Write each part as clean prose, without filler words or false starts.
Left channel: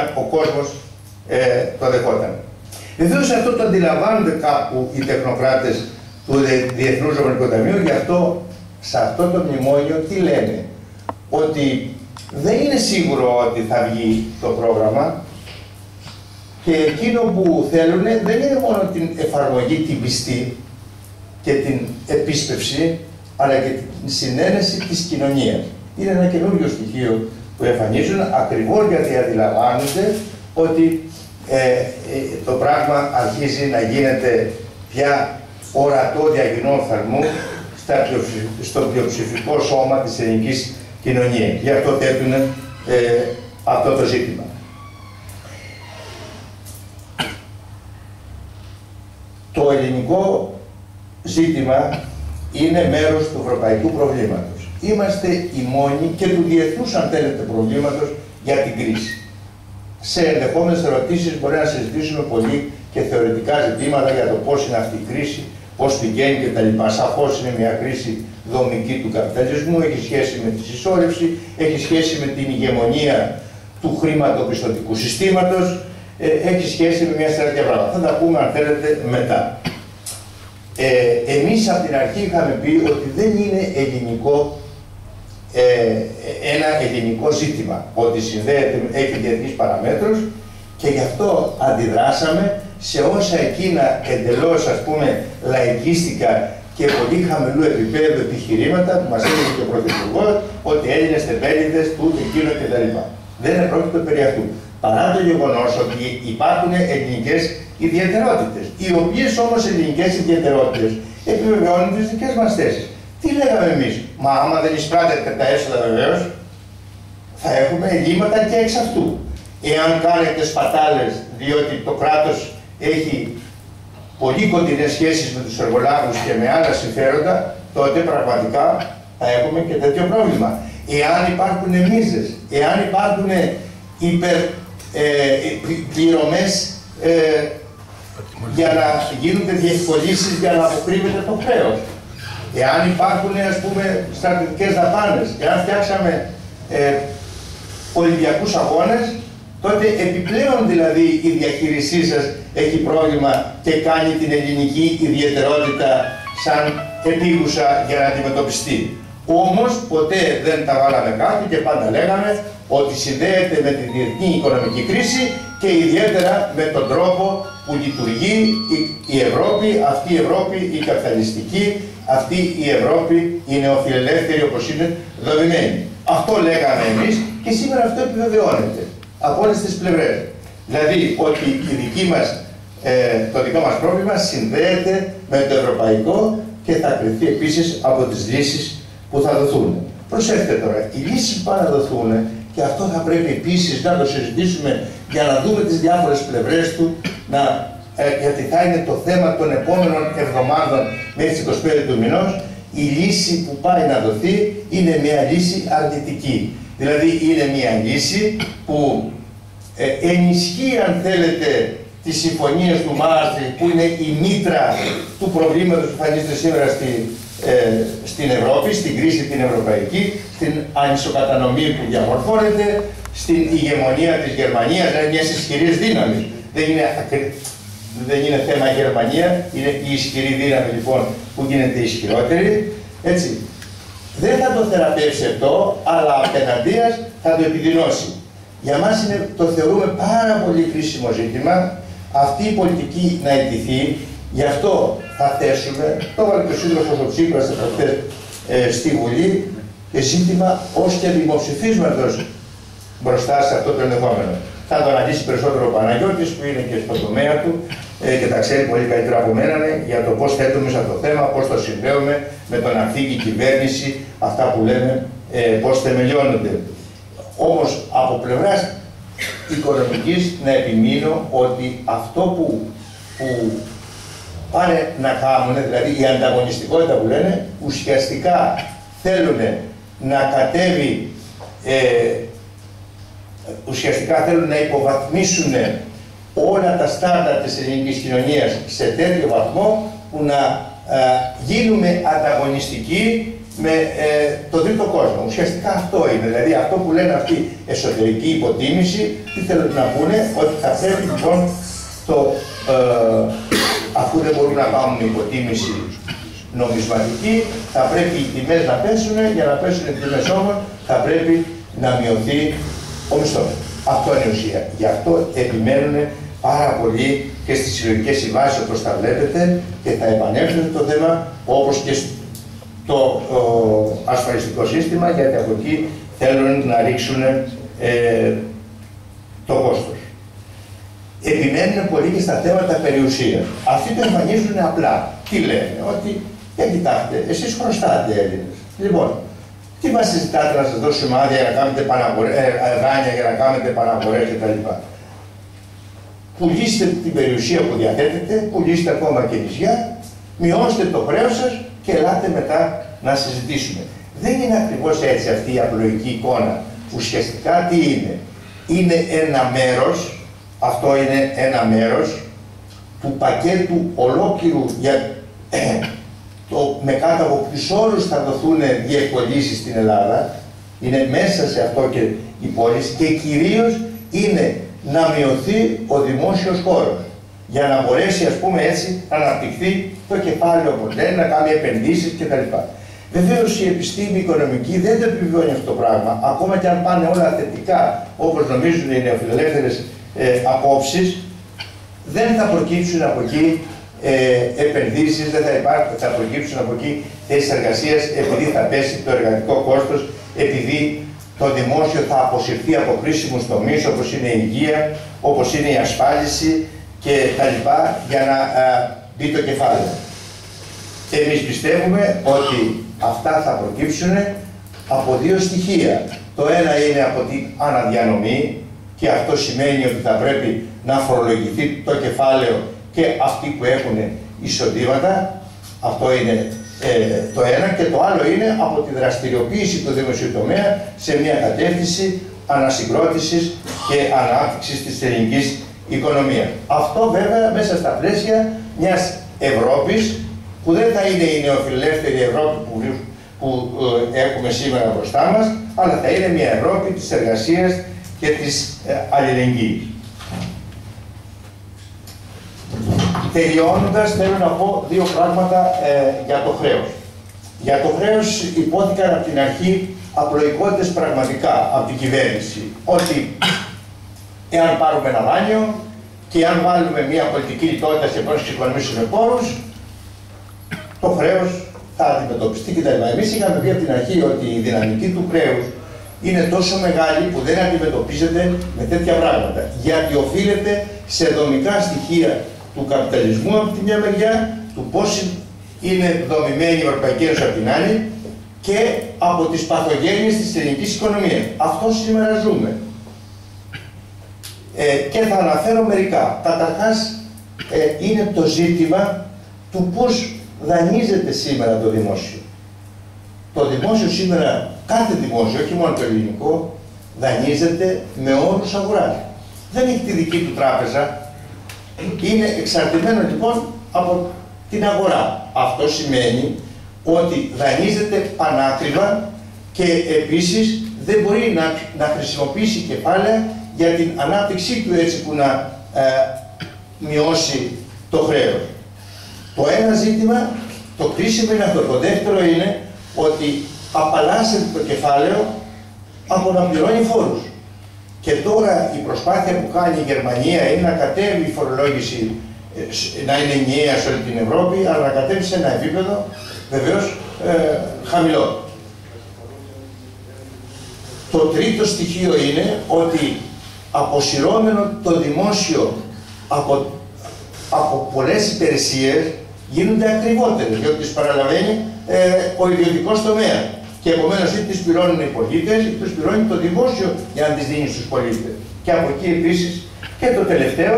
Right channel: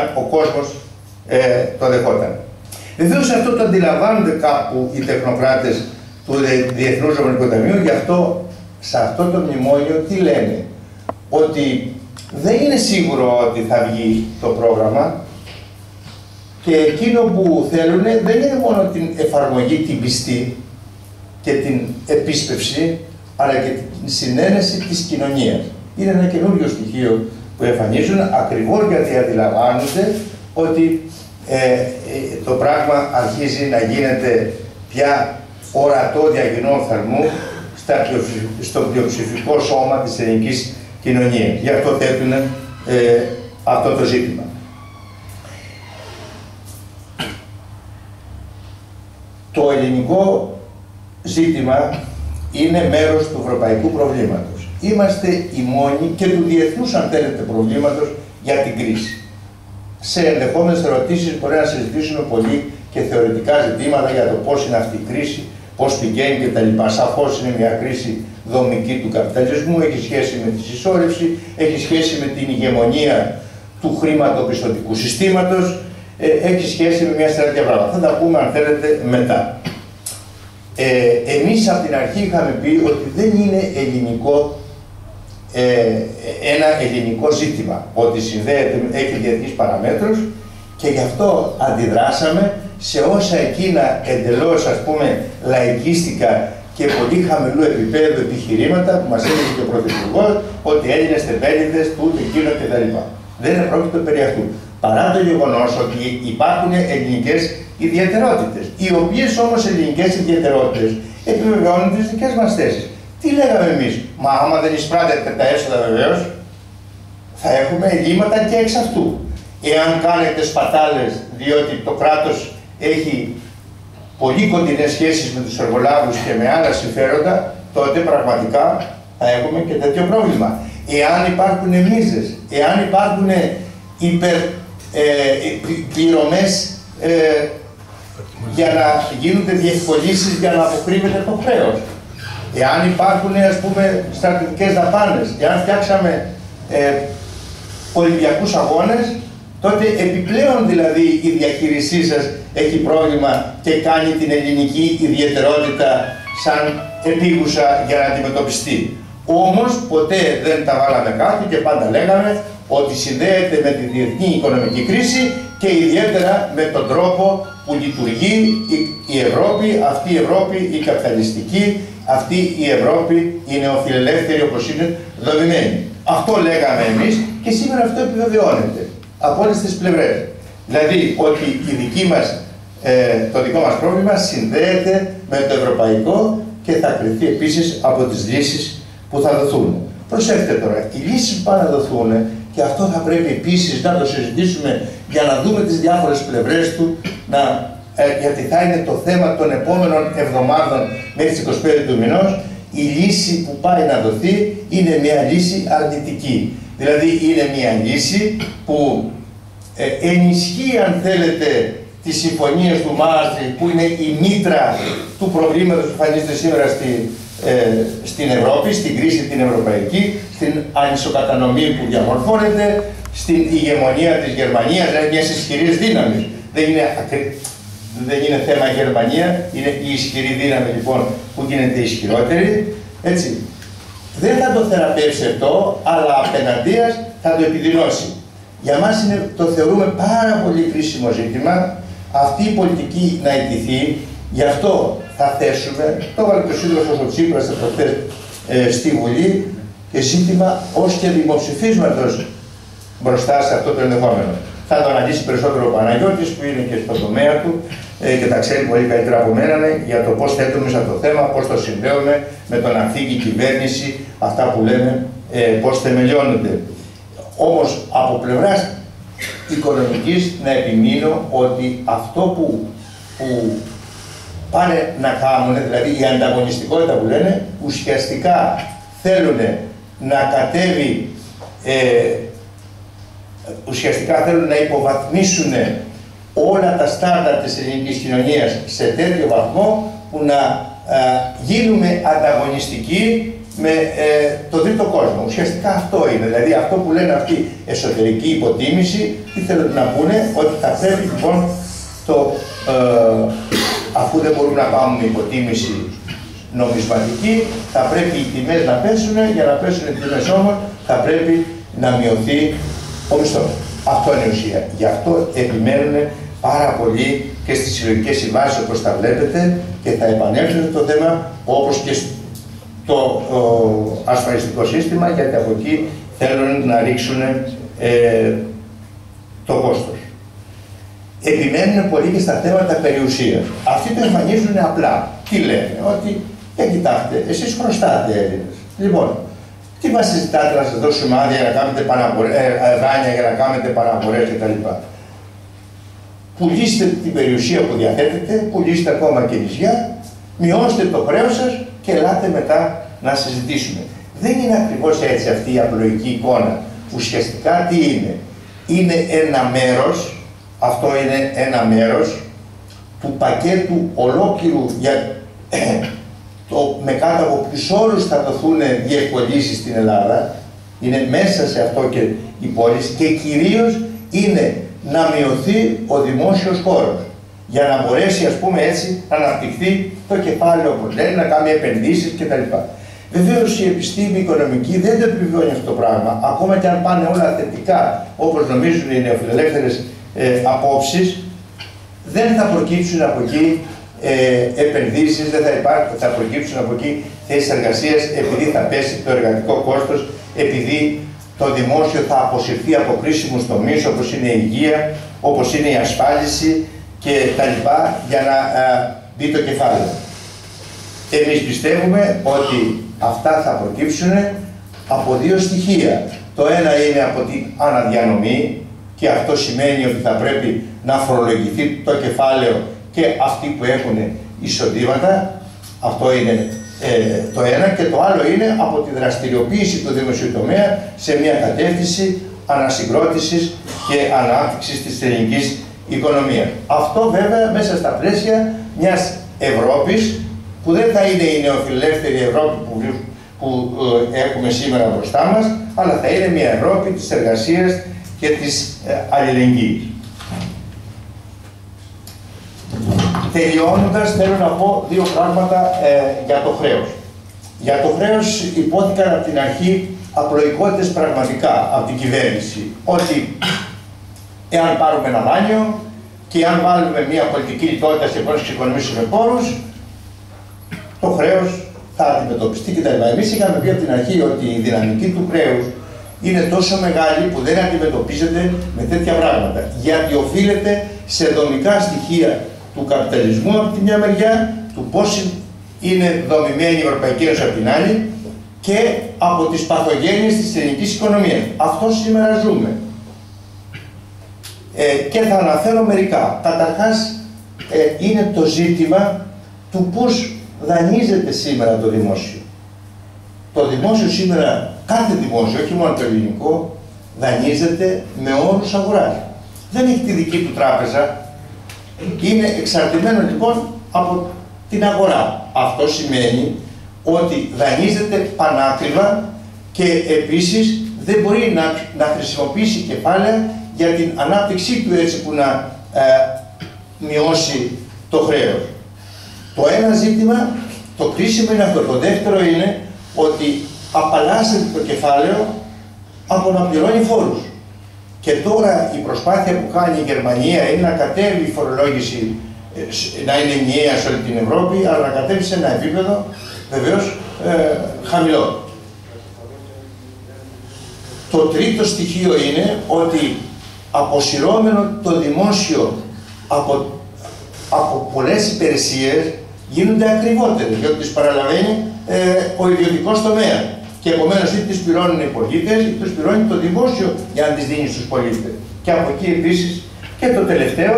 αν ο κόσμος το δεχόταν. Βεβαίως αυτό το αντιλαμβάνονται κάπου οι τεχνοκράτες του Διεθνούς Νομισματικού Ταμείου, γι' αυτό σε αυτό το μνημόνιο τι λένε, ότι δεν είναι σίγουρο ότι θα βγει το πρόγραμμα και εκείνο που θέλουν δεν είναι μόνο την εφαρμογή, την πιστή και την επίσπευση, αλλά και την συνένεση της κοινωνίας. Είναι ένα καινούριο στοιχείο που εμφανίζουν ακριβώς γιατί αντιλαμβάνονται ότι το πράγμα αρχίζει να γίνεται πια ορατό διαγενών θερμού στο πλειοψηφικό σώμα της ελληνικής κοινωνίας. Γι' αυτό θέτουν αυτό το ζήτημα. Το ελληνικό ζήτημα είναι μέρος του ευρωπαϊκού προβλήματος. Είμαστε οι μόνοι και του διεθνούς, αν θέλετε, προβλήματος για την κρίση. Σε ενδεχόμενες ερωτήσεις μπορεί να συζητήσουμε πολύ και θεωρητικά ζητήματα για το πώς είναι αυτή η κρίση, πώς πηγαίνει κτλ. Σαφώς είναι μια κρίση δομική του καπιταλισμού, έχει σχέση με τη συσσόρευση, έχει σχέση με την ηγεμονία του χρηματοπιστωτικού συστήματος, έχει σχέση με μια σειρά τέτοια πράγματα. Θα τα πούμε, αν θέλετε, μετά. Εμείς από την αρχή είχαμε πει ότι δεν είναι ένα ελληνικό ζήτημα, ότι συνδέεται, έχει διεθνείς παραμέτρους και γι' αυτό αντιδράσαμε σε όσα εκείνα εντελώς, ας πούμε, λαϊκίστικα και πολύ χαμηλού επίπεδου επιχειρήματα που μας έλεγε και ο Πρωθυπουργός ότι Έλληνες τεμπέληδες, τούτο, εκείνο κτλ. Δεν πρόκειται περί αυτού. Παρά το γεγονός ότι υπάρχουν ελληνικές ιδιαιτερότητες, οι οποίες όμως ελληνικές ιδιαιτερότητες επιβεβαιώνουν τις δικές μας θέσεις. Τι λέγαμε εμείς, μα άμα δεν εισπράτεται τα έσοδα βεβαίως, θα έχουμε ελλείμματα και εξ αυτού. Εάν κάνετε σπατάλες, διότι το κράτος έχει πολύ κοντινές σχέσεις με τους εργολάβους και με άλλα συμφέροντα, τότε πραγματικά θα έχουμε και τέτοιο πρόβλημα. Εάν υπάρχουν μίζες, εάν υπάρχουν πληρωμές για να γίνονται διευκολύνσεις για να αποκρύβεται το χρέος, εάν υπάρχουν, ας πούμε, στρατιωτικές δαπάνες, εάν φτιάξαμε Ολυμπιακούς αγώνες, τότε επιπλέον δηλαδή η διαχείρισή σας έχει πρόβλημα και κάνει την ελληνική ιδιαιτερότητα σαν επίγουσα για να αντιμετωπιστεί. Όμως ποτέ δεν τα βάλαμε κάτω και πάντα λέγαμε ότι συνδέεται με τη διεθνή οικονομική κρίση και ιδιαίτερα με τον τρόπο που λειτουργεί η Ευρώπη, αυτή η Ευρώπη η καπιταλιστική, αυτή η Ευρώπη η νεοφιλελεύθερη όπως είναι δομημένη. Αυτό λέγαμε εμείς και σήμερα αυτό επιβεβαιώνεται από όλες τις πλευρές. Δηλαδή ότι το δικό μας πρόβλημα συνδέεται με το ευρωπαϊκό και θα κριθεί επίσης από τις λύσεις που θα δοθούν. Προσέξτε τώρα, οι λύσεις που θα δοθούν, και αυτό θα πρέπει επίσης να το συζητήσουμε για να δούμε τις διάφορες πλευρές του, γιατί θα είναι το θέμα των επόμενων εβδομάδων μέχρι τις 25 του μηνός. Η λύση που πάει να δοθεί είναι μια λύση αρνητική. Δηλαδή είναι μια λύση που ενισχύει, αν θέλετε, τις συμφωνίες του Μάστριχτ, που είναι η μήτρα του προβλήματος που εμφανίζεται σήμερα στην Ευρώπη, στην κρίση την ευρωπαϊκή, στην ανισοκατανομή που διαμορφώνεται, στην ηγεμονία της Γερμανίας, δηλαδή μιας ισχυρής δύναμης. Δεν είναι θέμα Γερμανία, είναι η ισχυρή δύναμη λοιπόν που γίνεται ισχυρότερη. Έτσι. Δεν θα το θεραπεύσει αυτό, αλλά απέναντίας θα το επιδεινώσει. Για μας το θεωρούμε πάρα πολύ κρίσιμο ζήτημα αυτή η πολιτική να ιτηθεί. Γι' αυτό θα θέσουμε, το έβαλε και ο σύντροφος ο Τσίπρας προχθές στη Βουλή, και ζήτημα ως και δημοψηφίσματος μπροστά σε αυτό το ενδεχόμενο. Θα το αναλύσει περισσότερο ο Παναγιώτης που είναι και στον τομέα του και τα ξέρει πολύ καλύτερα από μένα για το πώς θέτουμε σε αυτό το θέμα, πώς το συνδέουμε με το να φύγει η κυβέρνηση, αυτά που λέμε πώς θεμελιώνονται. Όμως από πλευράς οικονομικής να επιμείνω ότι αυτό που πάνε να κάνουν, δηλαδή η ανταγωνιστικότητα που λένε, ουσιαστικά θέλουν να κατέβει, ουσιαστικά θέλουν να υποβαθμίσουν όλα τα στάνταρ της ελληνικής κοινωνίας σε τέτοιο βαθμό που να γίνουμε ανταγωνιστικοί με το τρίτο κόσμο. Ουσιαστικά αυτό είναι. Δηλαδή αυτό που λένε αυτή εσωτερική υποτίμηση, τι θέλουν να πούνε, ότι θα πρέπει λοιπόν αφού δεν μπορούμε να κάνουμε υποτίμηση νομισματική, θα πρέπει οι τιμές να πέσουν, για να πέσουν οι τιμές όμως θα πρέπει να μειωθεί ο μισθός. Αυτό είναι η ουσία. Γι' αυτό επιμένουν πάρα πολύ και στις συλλογικές συμβάσεις όπως τα βλέπετε και θα επανέλθουν στο θέμα όπως και στο ασφαλιστικό σύστημα, γιατί από εκεί θέλουν να ρίξουν το κόστος. Επιμένουν πολύ και στα θέματα περιουσίας. Αυτοί το εμφανίζουν απλά. Τι λένε, ότι κοιτάξτε, εσείς χρωστάτε Έλληνες. Λοιπόν, τι μας συζητάτε να σας δώσουμε άδεια για να κάνετε δάνεια, για να κάνετε παραγορές κτλ. Πουλήστε την περιουσία που διαθέτετε, πουλήστε ακόμα και νησιά, μειώστε το χρέος σας και ελάτε μετά να συζητήσουμε. Δεν είναι ακριβώς έτσι αυτή η απλοϊκή εικόνα. Ουσιαστικά τι είναι. Είναι ένα μέρος, αυτό είναι ένα μέρος του πακέτου ολόκληρου για με κάτω από ποιους όρους θα δοθούν διευκολύνσεις στην Ελλάδα. Είναι μέσα σε αυτό και η πόλη και κυρίως είναι να μειωθεί ο δημόσιος χώρος για να μπορέσει, ας πούμε έτσι, να αναπτυχθεί το κεφάλαιο που λέει, να κάνει επενδύσεις κτλ. Βεβαίως η επιστήμη οικονομική δεν το επιβεβαιώνει αυτό το πράγμα, ακόμα και αν πάνε όλα θετικά όπως νομίζουν οι νεοφιλελεύθερες απόψεις, δεν θα προκύψουν από εκεί επενδύσεις, δεν θα προκύψουν από εκεί θέσεις εργασίας, επειδή θα πέσει το εργατικό κόστος, επειδή το δημόσιο θα αποσυρθεί από κρίσιμους τομείς όπως είναι η υγεία, όπως είναι η ασφάλιση και τα λοιπά, για να μπει το κεφάλαιο. Εμείς πιστεύουμε ότι αυτά θα προκύψουν από δύο στοιχεία. Το ένα είναι από την αναδιανομή και αυτό σημαίνει ότι θα πρέπει να φορολογηθεί το κεφάλαιο και αυτοί που έχουν εισοδήματα. Αυτό είναι το ένα, και το άλλο είναι από τη δραστηριοποίηση του δημοσίου τομέα σε μια κατεύθυνση ανασυγκρότησης και ανάπτυξης της ελληνικής οικονομίας. Αυτό βέβαια μέσα στα πλαίσια μιας Ευρώπης που δεν θα είναι η νεοφιλελεύθερη Ευρώπη που έχουμε σήμερα μπροστά μας, αλλά θα είναι μια Ευρώπη της εργασίας και της αλληλεγγύης. Τελειώνοντας, θέλω να πω δύο πράγματα για το χρέος. Για το χρέος υπόθηκαν από την αρχή απλοϊκότητες πραγματικά από την κυβέρνηση. Ότι εάν πάρουμε ένα δάνειο και εάν βάλουμε μια πολιτική λιτότητα και πώς εξοικονομήσουμε πόρους, το χρέος θα αντιμετωπιστεί κτλ. Εμείς είχαμε πει από την αρχή ότι η δυναμική του χρέους είναι τόσο μεγάλη που δεν αντιμετωπίζεται με τέτοια πράγματα. Γιατί οφείλεται σε δομικά στοιχεία του καπιταλισμού από τη μια μεριά, του πώς είναι δομημένη η Ευρωπαϊκή Ένωση από την άλλη και από τις παθογένειες της ελληνικής οικονομίας. Αυτό σήμερα ζούμε. Και θα αναφέρω μερικά. Καταρχάς, είναι το ζήτημα του πώς δανείζεται σήμερα το δημόσιο. Το δημόσιο σήμερα, κάθε δημόσιο, όχι μόνο το ελληνικό, δανείζεται με όρους αγοράς. Δεν έχει τη δική του τράπεζα. Είναι εξαρτημένο λοιπόν από την αγορά. Αυτό σημαίνει ότι δανείζεται πανάκριβα και επίσης δεν μπορεί να χρησιμοποιήσει κεφάλαια για την ανάπτυξή του έτσι που να μειώσει το χρέος. Το ένα ζήτημα, το κρίσιμο είναι αυτό. Το δεύτερο είναι ότι απαλλάσσεται το κεφάλαιο από να πληρώνει φόρους. Και τώρα η προσπάθεια που κάνει η Γερμανία είναι να κατέβει η φορολόγηση, να είναι ενιαία σε όλη την Ευρώπη, αλλά να κατέβει σε ένα επίπεδο βεβαίως χαμηλό. Το τρίτο στοιχείο είναι ότι αποσυρώμενο το δημόσιο από πολλές υπηρεσίες γίνονται ακριβότερες, διότι τις παραλαβαίνει ο ιδιωτικός τομέας. Και επομένως είτε τις πληρώνουν οι πολίτες, είτε τις πληρώνει το δημόσιο για να τις δίνει στους πολίτες. Και από εκεί επίσης και το τελευταίο,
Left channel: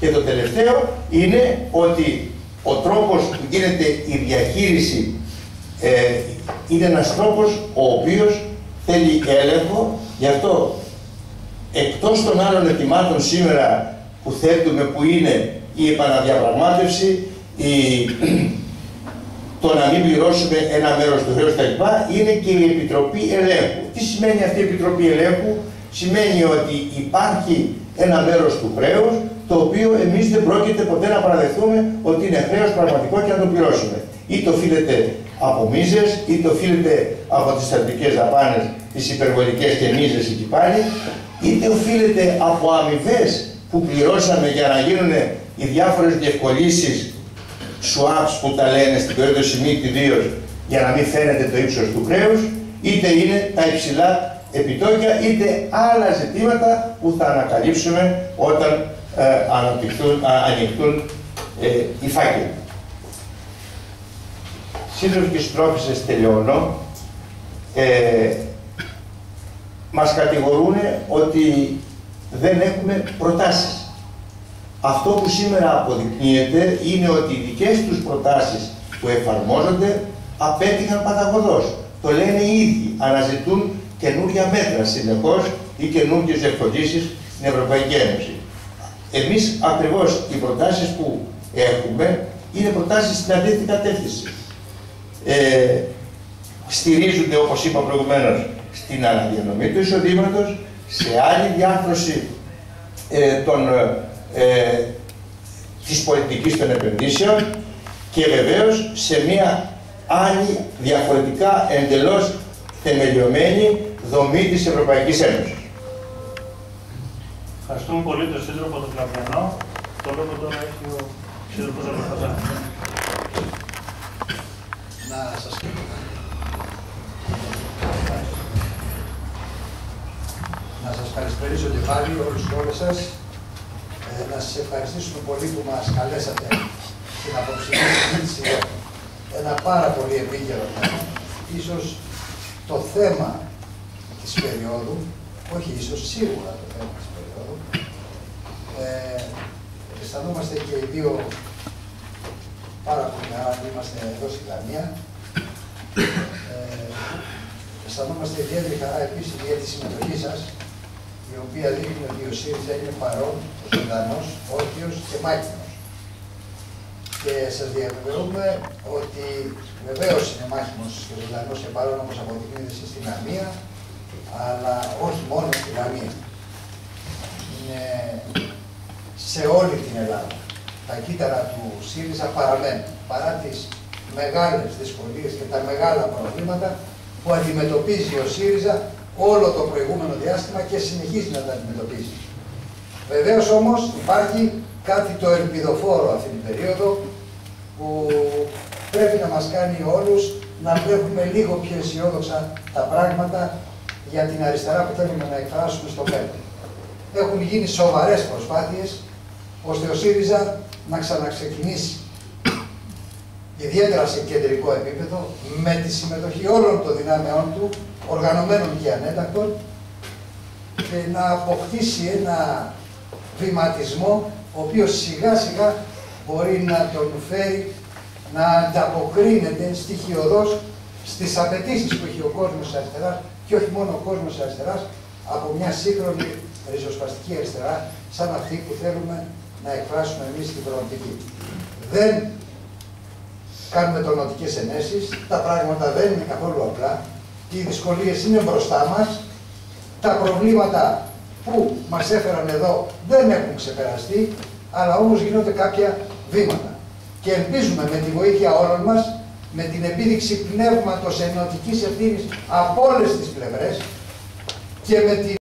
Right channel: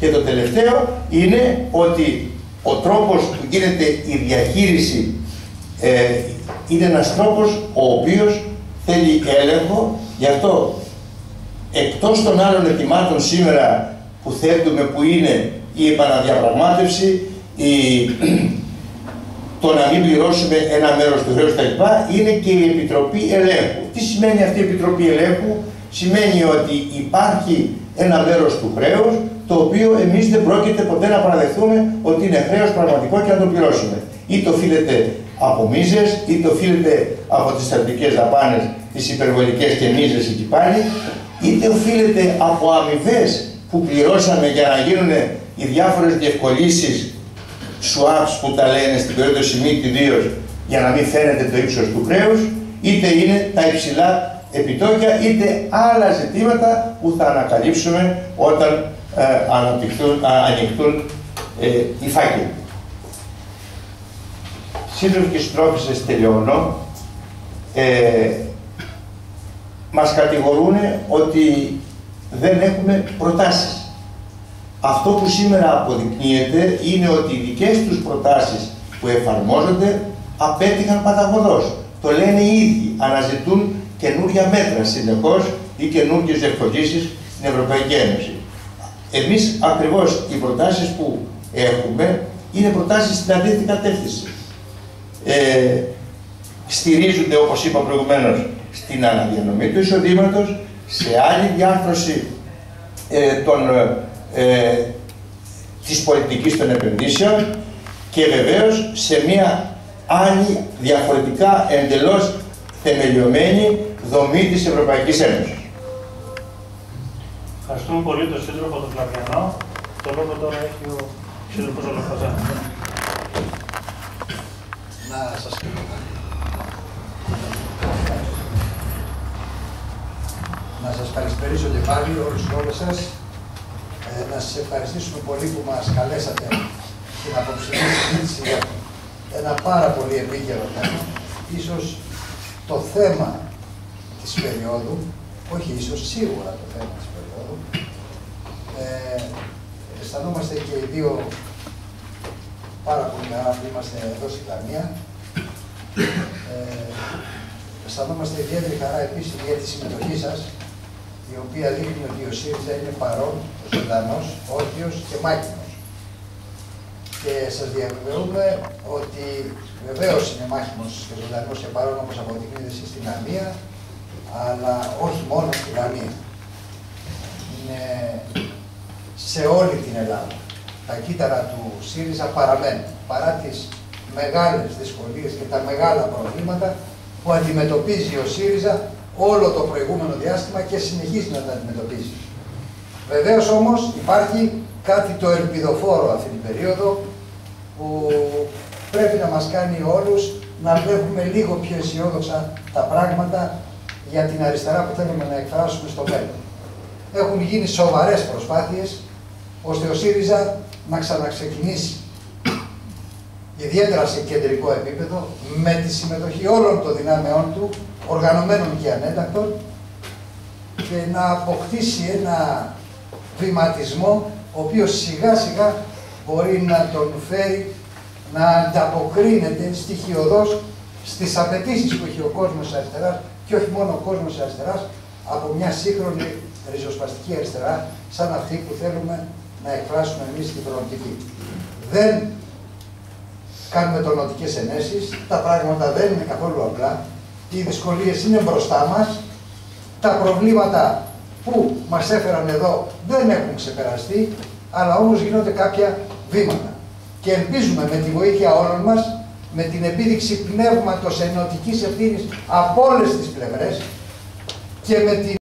και το τελευταίο είναι ότι ο τρόπος που γίνεται η διαχείριση είναι ένας τρόπος ο οποίος θέλει έλεγχο. Γι' αυτό εκτός των άλλων ετοιμάτων σήμερα που θέτουμε, που είναι η επαναδιαπραγμάτευση, το να μην πληρώσουμε ένα μέρος του χρέους κτλ. Είναι και η Επιτροπή Ελέγχου. Τι σημαίνει αυτή η Επιτροπή Ελέγχου? Σημαίνει ότι υπάρχει ένα μέρος του χρέους, το οποίο εμείς δεν πρόκειται ποτέ να παραδεχθούμε ότι είναι χρέος πραγματικό και να το πληρώσουμε. Είτε οφείλεται από μίζες, είτε οφείλεται από τις στρατιωτικές δαπάνες, τις υπερβολικές και μίζες εκεί πάλι, είτε οφείλεται από αμοιβές που πληρώσαμε για να γίνουν οι διάφορες διευκολύνσεις, swaps που τα λένε στην περίπτωση MiFID ιδίως, για να μην φαίνεται το ύψος του χρέους, είτε είναι τα υψηλά επιτόκια, είτε άλλα ζητήματα που θα ανακαλύψουμε όταν ανοιχτούν οι φάκελοι. Σύντροφοι και συντρόφισσες, τελειώνω. Μας κατηγορούν ότι δεν έχουμε προτάσεις. Αυτό που σήμερα αποδεικνύεται είναι ότι οι δικές τους προτάσεις που εφαρμόζονται απέτυχαν παταγωδώς. Το λένε οι ίδιοι, αναζητούν καινούργια μέτρα συνεχώς ή καινούργιες διευκολύνσεις στην Ευρωπαϊκή Ένωση. Εμείς ακριβώς οι προτάσεις που έχουμε είναι προτάσεις στην αντίθετη κατεύθυνση. Στηρίζονται, όπως είπα προηγουμένως, στην αναδιανομή του εισοδήματος, σε άλλη διάρθρωση της πολιτικής των επενδύσεων και βεβαίως σε μια άλλη διαφορετικά εντελώς θεμελιωμένη δομή της Ευρωπαϊκής Ένωσης. Ευχαριστούμε πολύ τον σύντροφο τον Φλαβιανό. Το λόγο τώρα έχει ο σύντροφος Ολοφαζά. Να σας καλησπερίσω και πάλι όλες σας. Να σας ευχαριστήσουμε πολύ που μας καλέσατε στην απόψινή συζήτηση για ένα πάρα πολύ επίκαιρο θέμα. Ίσως το θέμα της περίοδου, όχι ίσως, σίγουρα το θέμα της περίοδου. Αισθανόμαστε και οι δύο πάρα πολύ καλά που είμαστε εδώ στη Δανία. Αισθανόμαστε ιδιαίτερη χαρά επίσης για τη συμμετοχή σας, η οποία δείχνει ότι ο ΣΥΡΙΖΑ είναι παρόν, ζωντανός, όρθιος και μάχημος. Και σας διαβεβαιούμε ότι βεβαίως είναι μάχημος και ζωντανός και παρόν, όπως αποδεικνύεται εσείς στην Λαμία, αλλά όχι μόνο στη Λαμία. Είναι σε όλη την Ελλάδα. Τα κύτταρα του ΣΥΡΙΖΑ παραμένουν, παρά τις μεγάλες δυσκολίες και τα μεγάλα προβλήματα που αντιμετωπίζει ο ΣΥΡΙΖΑ όλο το προηγούμενο διάστημα και συνεχίζει να τα αντιμετωπίζει. Βεβαίως όμως υπάρχει κάτι το ελπιδοφόρο αυτή την περίοδο που πρέπει να μας κάνει όλους να βλέπουμε λίγο πιο αισιόδοξα τα πράγματα για την αριστερά που θέλουμε να εκφράσουμε στο μέλλον. Έχουν γίνει σοβαρές προσπάθειες ώστε ο ΣΥΡΙΖΑ να ξαναξεκινήσει, ιδιαίτερα σε κεντρικό επίπεδο, με τη συμμετοχή όλων των δυνάμεών του, οργανωμένων και ανέτακτων, και να αποκτήσει ένα βηματισμό, ο οποίος σιγά σιγά μπορεί να τον φέρει να ανταποκρίνεται στοιχειωδώς στις απαιτήσεις που έχει ο κόσμος της αριστεράς, και όχι μόνο ο κόσμος της αριστεράς, από μια σύγχρονη ριζοσπαστική αριστερά, σαν αυτή που θέλουμε να εκφράσουμε εμείς στην προοπτική. Δεν κάνουμε τονωτικές ενέσεις, τα πράγματα δεν είναι καθόλου απλά, οι δυσκολίες είναι μπροστά μας, τα προβλήματα που μας έφεραν εδώ δεν έχουν ξεπεραστεί, αλλά όμως γίνονται κάποια βήματα. Και ελπίζουμε με τη βοήθεια όλων μας, με την επίδειξη πνεύματος ενωτικής ευθύνης από όλες τις πλευρές και με την